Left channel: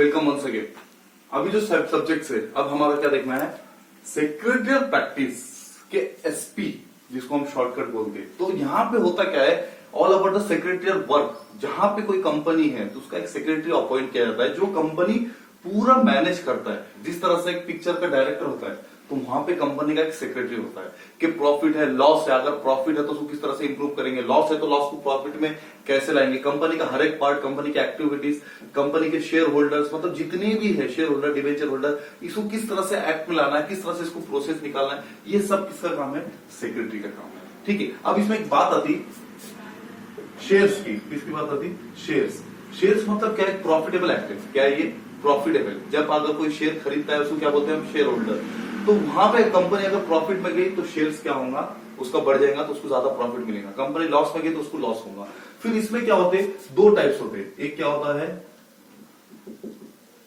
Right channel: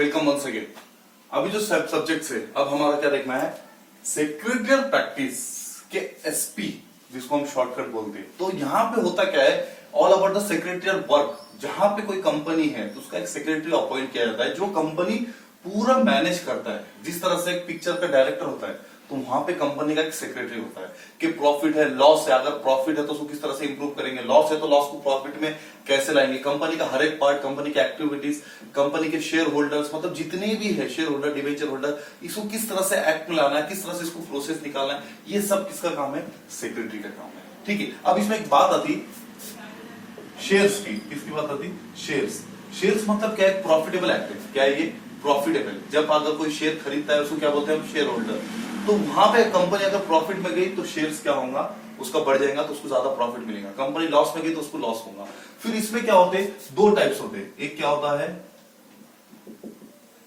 Welcome once again. अभी जो subject है, अब हमारा क्या देखना है, सेक्रेटरियल प्रैक्टिस के एसपी, जिसको हम शॉर्टकट बोलते हैं। तो यहाँ पे होता क्या है, all about the secretarial work. जहां पे कोई कंपनी है तो उसका एक सेक्रेटरी अपॉइंट किया जाता है, जो कंपनी पूरा मैनेज करता है। जिस तरह से एक पिक्चर का डायरेक्टर होता है, तो वहां पे कंपनी का एक सेक्रेटरी होता है कि प्रॉफिट है, लॉस है, अगर प्रॉफिट है तो उसको किस तरह से इंप्रूव करेंगे, लॉस है तो लॉस को प्रॉफिट में कैसे लाएंगे, कंपनी का हर एक पार्ट, कंपनी की एक्टिविटीज, कंपनी के शेयर होल्डर्स, मतलब जितने भी है शेयर होल्डर, डिवेंचर होल्डर, इसको किस तरह से एक्ट में लाना है, किस तरह से इसको प्रोसेस निकालना है, ये सब किसका काम है, सेक्रेटरी का काम है। ठीक है। अब इसमें एक बात आती शेयर्स की, किसकी बात आती, शेयर्स। शेयर्स मतलब क्या है, प्रॉफिटेबल एक्टिव। क्या है ये, प्रॉफिटेबल। जब अगर कोई शेयर खरीदता है उसको क्या बोलते हैं, शेयर होल्डर। तो वहां पे कंपनी अगर प्रॉफिट में गई तो शेयर्स क्या होगा, उसका बढ़ जाएगा तो उसको ज्यादा प्रॉफिट मिलेगा। कंपनी लॉस में गई तो उसको लॉस होगा। फिर इसमें क्या होते हैं, दो टाइप्स होते हैं। एक क्या होता है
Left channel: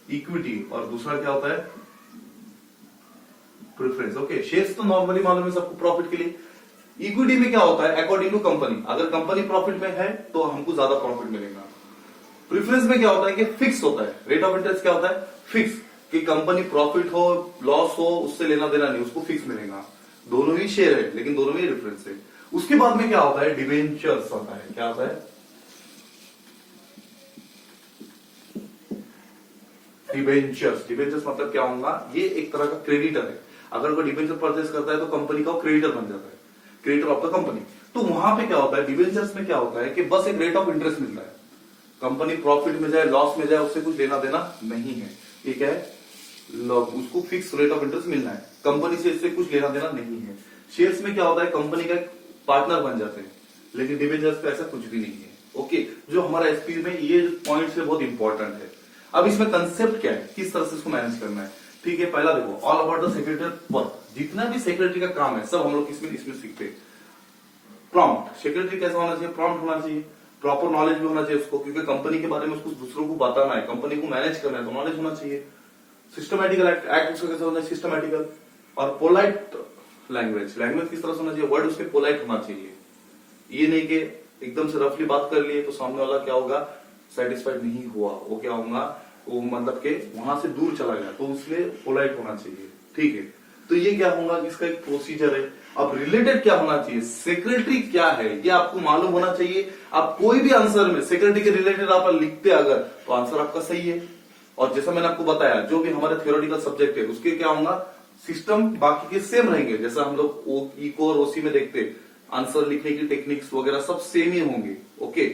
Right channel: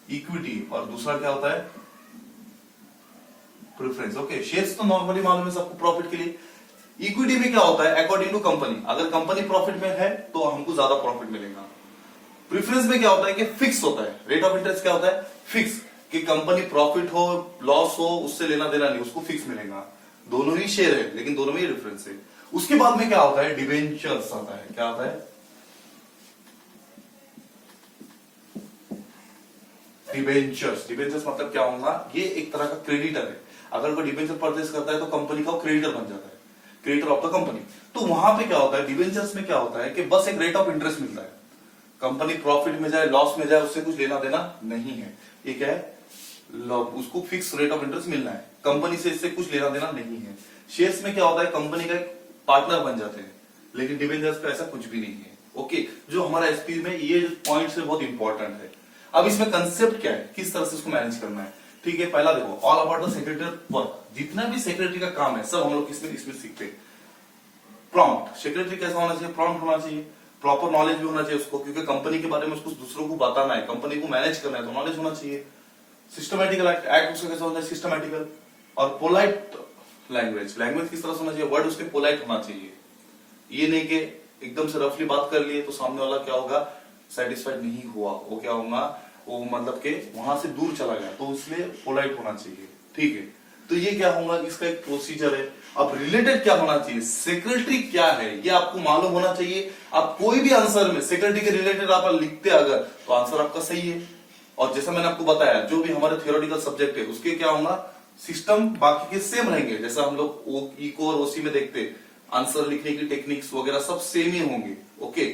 इक्विटी, और दूसरा क्या होता है प्रेफरेंस। ओके, शेयर्स तो नॉर्मली मालूम है सबको, प्रॉफिट के लिए। इक्विटी में क्या होता है, अकॉर्डिंग टू कंपनी, अगर कंपनी प्रॉफिट में है तो हमको ज्यादा प्रॉफिट मिलेगा। प्रेफरेंस में क्या होता है कि फिक्स होता है, रेट ऑफ इंटरेस्ट क्या होता है, फिक्स, कि कंपनी प्रॉफिट हो लॉस हो उससे लेना देना नहीं, उसको फिक्स मिलेगा। दोनों ही शेयर है लेकिन दोनों में ही डिफरेंस है। उसके बाद में क्या होता है, डिवेंचर्स आता है। क्या आता है, डिवेंचर्स। डिवेंचर्स मतलब क्या होगा, ये एक तरह का क्रेडिटर है। अगर कोई डिवेंचर परचेस करता है तो कंपनी का क्रेडिटर बन जाता है, क्रेडिटर ऑफ द कंपनी। तो वहां पे क्या होता है, डिवेंचर्स में क्या होता है कि बस एक रेट ऑफ इंटरेस्ट मिलता है। कंपनी प्रॉफिट में जाए लॉस में जाए उससे कुछ लेना देना नहीं है। ये क्या है, उसको फिक्स रेट ऑफ इंटरेस्ट मिलना है, कंपनी से इससे कुछ लेना देना नहीं है। शेयर्स में क्या होता है, कंपनी का पार्टनर बन जाते हैं, लेकिन डिवेंचर्स का ऐसा कुछ भी नहीं है। ओके, जो हमारा एसपी में ये पॉइंट्स है बहुत इंपॉर्टेंट है। अब इसमें कंसेप्ट क्या है, किस तरह से इसको मैनेज करना है। ठीक है, पहला देखो, all about the secretary work. जितना भी सेक्रेटरी का काम है सब हम लोग इसमें सीखते हैं। प्रॉम्प्ट, सेक्रेटरी कैसा होना चाहिए, प्रॉम्प्ट होना चाहिए, प्रॉपर नॉलेज भी होना चाहिए उसको, क्योंकि कंपनी के बारे में उसको दूसरों को बताना है, कंपनी को मैनेज करना है तो नॉलेज होना चाहिए। सिस्टमैटिकल एक्ट उसका कैसा होना है, सिस्टमैटिकल। और पोलाइट लैंग्वेज, लैंग्वेज किस तरह से होना चाहिए, वर्ड उसके पोलाइट होना चाहिए। ये नहीं कि एकदम से रफली बात कर लिए तो सामने वाला क्या होगा, सेटिस्फाइड नहीं हुआ, वो क्या होगा, वो मतलब के वहां से दूर चला गया, तो इसलिए पोलाइट होना चाहिए। ठीक है, तो ये क्या होगा, इसका एक प्रोसीजर है। अब रिलेटेड क्या होना चाहिए, सेक्रेटरी क्या है ये आपको मालूम होना चाहिए। आप कोई भी आंसर में सेक्रेटरी के रिलेटेड आप लिखते अगर, तो आंसर आपका सही है। और जैसा मैंने आपको बताया, जो भी हमारे थियोरेटिकल सब्जेक्ट है उसके क्या होगा, सिस्टम बाकी के सेम रहेंगे। जैसा हम लोग इको और ओसी में देखते, आंसर लिखने की टेक्निक्स वगैरह सब सेम ही होंगे। ओके,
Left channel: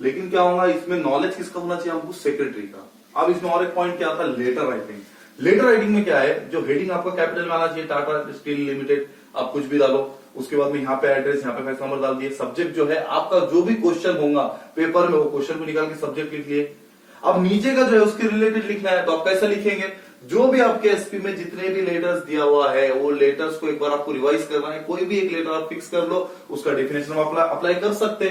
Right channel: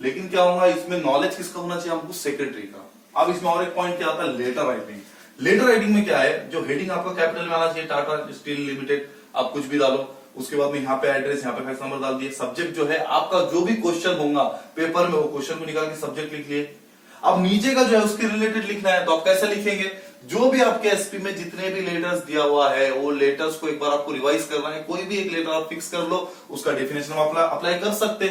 लेकिन क्या होगा, इसमें नॉलेज किसका होना चाहिए, हमको सेक्रेटरी का। अब इसमें और एक पॉइंट क्या आता है, लेटर राइटिंग। लेटर राइटिंग में क्या है, जो हेडिंग आपका कैपिटल में आना चाहिए, टाटा स्टील लिमिटेड, आप कुछ भी डालो। उसके बाद में यहाँ पे एड्रेस, यहाँ पे फैक्स नंबर डाल दिए। सब्जेक्ट जो है आपका, जो भी क्वेश्चन होगा पेपर में, वो क्वेश्चन को निकाल के सब्जेक्ट लिख लिए। अब नीचे का जो है उसके रिलेटेड लिखना है, तो आप कैसे लिखेंगे, जो भी आपके एसपी में जितने भी लेटर्स दिया हुआ है वो लेटर्स को एक बार आपको रिवाइज करना है। कोई भी एक लेटर आप फिक्स कर लो, उसका डेफिनेशन आप अप्लाई कर सकते,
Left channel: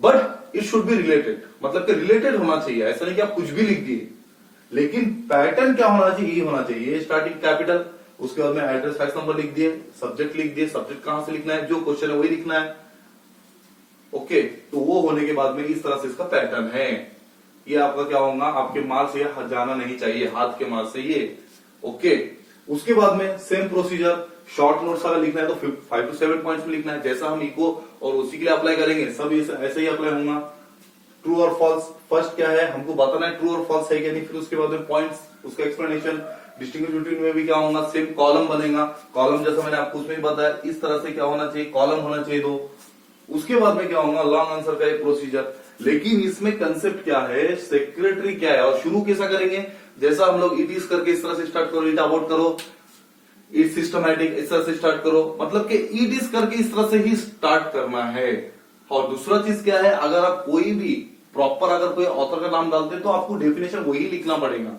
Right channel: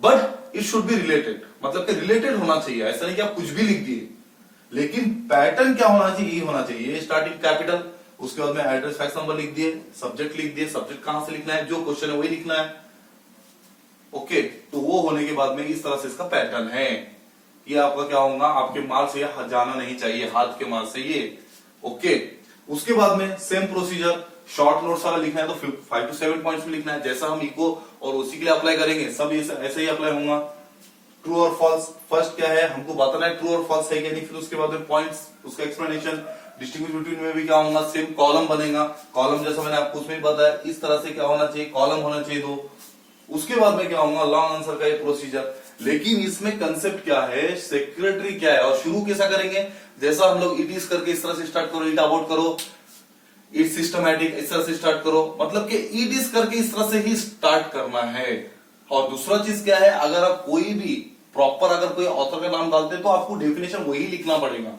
but it should be related, मतलब कि रिलेटेड होना चाहिए। ऐसा नहीं कि आप कुछ भी लिख दिए, लेकिन पैटर्न क्या होना चाहिए, ये होना चाहिए। स्टार्टिंग कैपिटल, उसके बाद में एड्रेस फैक्स नंबर लिख दिए, सब्जेक्ट लिख दिए, सब्जेक्ट कहां से लिखना है, जो क्वेश्चन है वही लिखना है। ओके, तो वो होने के बाद में इस तरह से इसका पैटर्न है। ये आपका क्या होगा, आपके मार्क्स ये जाना नहीं चाहिए हाथ के मार्क्स से ये। ओके, उसके बाद में सेम प्रोसीजर, शॉर्ट नोट्स वाला लिखना है तो 5 to 7 पॉइंट्स में लिखना है। जैसा हम इको और उसी के लिए अप्लाई करेंगे, सब ऐसे ही अप्लाई होगा। ट्रू और फॉल्स, फर्स्ट क्या है हमको बताना है, ट्रू और फॉल्स है क्या नहीं। फिर उसके बाद में पॉइंट्स, उसका एक्सप्लेनेशन, डिस्टिंग्विश बिटवीन में भी क्या होगा, सेम कॉलम बनेगा। कॉलम जैसा मैंने आपको उसमें भी बताया, इस तरह से क्या होना चाहिए, कॉलम होना चाहिए दो। उसके बाद में क्या होगा, लॉन्ग आंसर का एक प्रोसीजर। लेकिन इसमें कंसेप्ट क्या है, सेक्रेटरी क्या है, और शुरू कैसा करेंगे, जैसा हम लोग इट इज करके इस तरह से स्टार्ट करो, इट अबाउट करो, इट सिस्टमैटिक इस तरह से स्टार्ट करो, मतलब कि इट इज करके इस तरह से ही स्टार्ट करना है। और दूसरा चीज क्या है, अगर आप कोई भी प्रॉपर अगर कोई ऑथर का नाम डालते तो आपको डेफिनेशन वही लिखना पड़ेगा।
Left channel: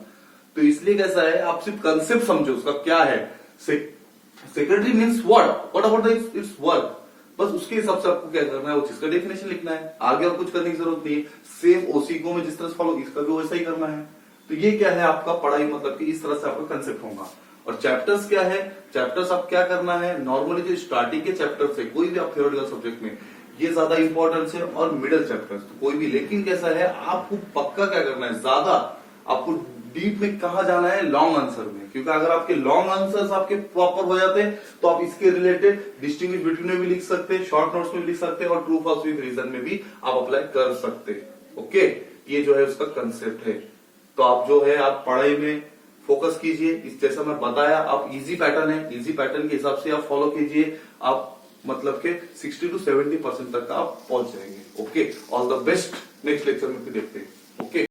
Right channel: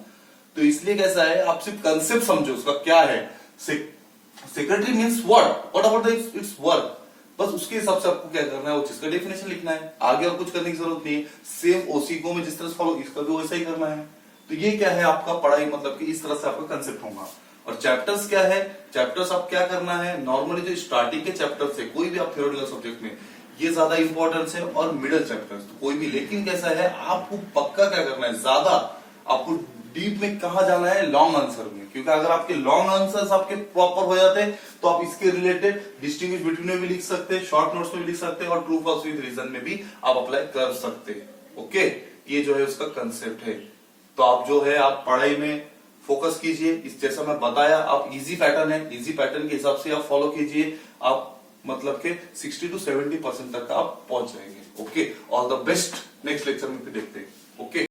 तो इसलिए कैसा है, आप सिर्फ कंसेप्ट समझो उसका क्या है। Secretary means what about it's work, बस उसके हिसाब से आपको क्या करना है, वो चीज का डेफिनेशन लिखना है। आगे और कुछ करने की जरूरत नहीं है। सेम ओसीको में जिस तरह से फॉलो, इसका भी वैसा ही करना है। तो ये क्या है आपका पढ़ाई, मतलब कि इस तरह से आपका कंसेप्ट होगा। और चैप्टर्स क्या है, चैप्टर्स आप क्या करना है, नॉर्मली जो स्टार्टिंग के चैप्टर्स है कोई भी आप थ्योरेटिकल सब्जेक्ट में, ये ज्यादा इंपॉर्टेंस है, और मिडिल चैप्टर्स तो कोई भी। लेकिन कैसा है, आपको पक्का क्या करना है, ज्यादा आपको डीप में कहा जाना है, लॉन्ग आंसर में, क्योंकि अगर आपके लॉन्ग आंसर्स आपके प्रॉपर हो जाते हैं तो आप इसके रिलेटेड डिस्टिंग्विश बिटवीन में भी लिख सकते हैं, शॉर्ट नोट्स में भी लिख सकते हैं और ट्रू फॉल्स विद रीजन में भी आप अप्लाई कर सकते हैं। ओके, ये जो है उसका कंसेप्ट है। तो आप जो है आप पढ़ाई में फोकस कीजिए, इस जैसा मैं बताया, आप इजी पैटर्न है, इजी पैटर्न के हिसाब से आप फॉलो कीजिए, आप मतलब के 60 to 70% तक आप पहुंच जाएंगे। Okay, all the best, next lecture में फिर देखते हैं। ओके।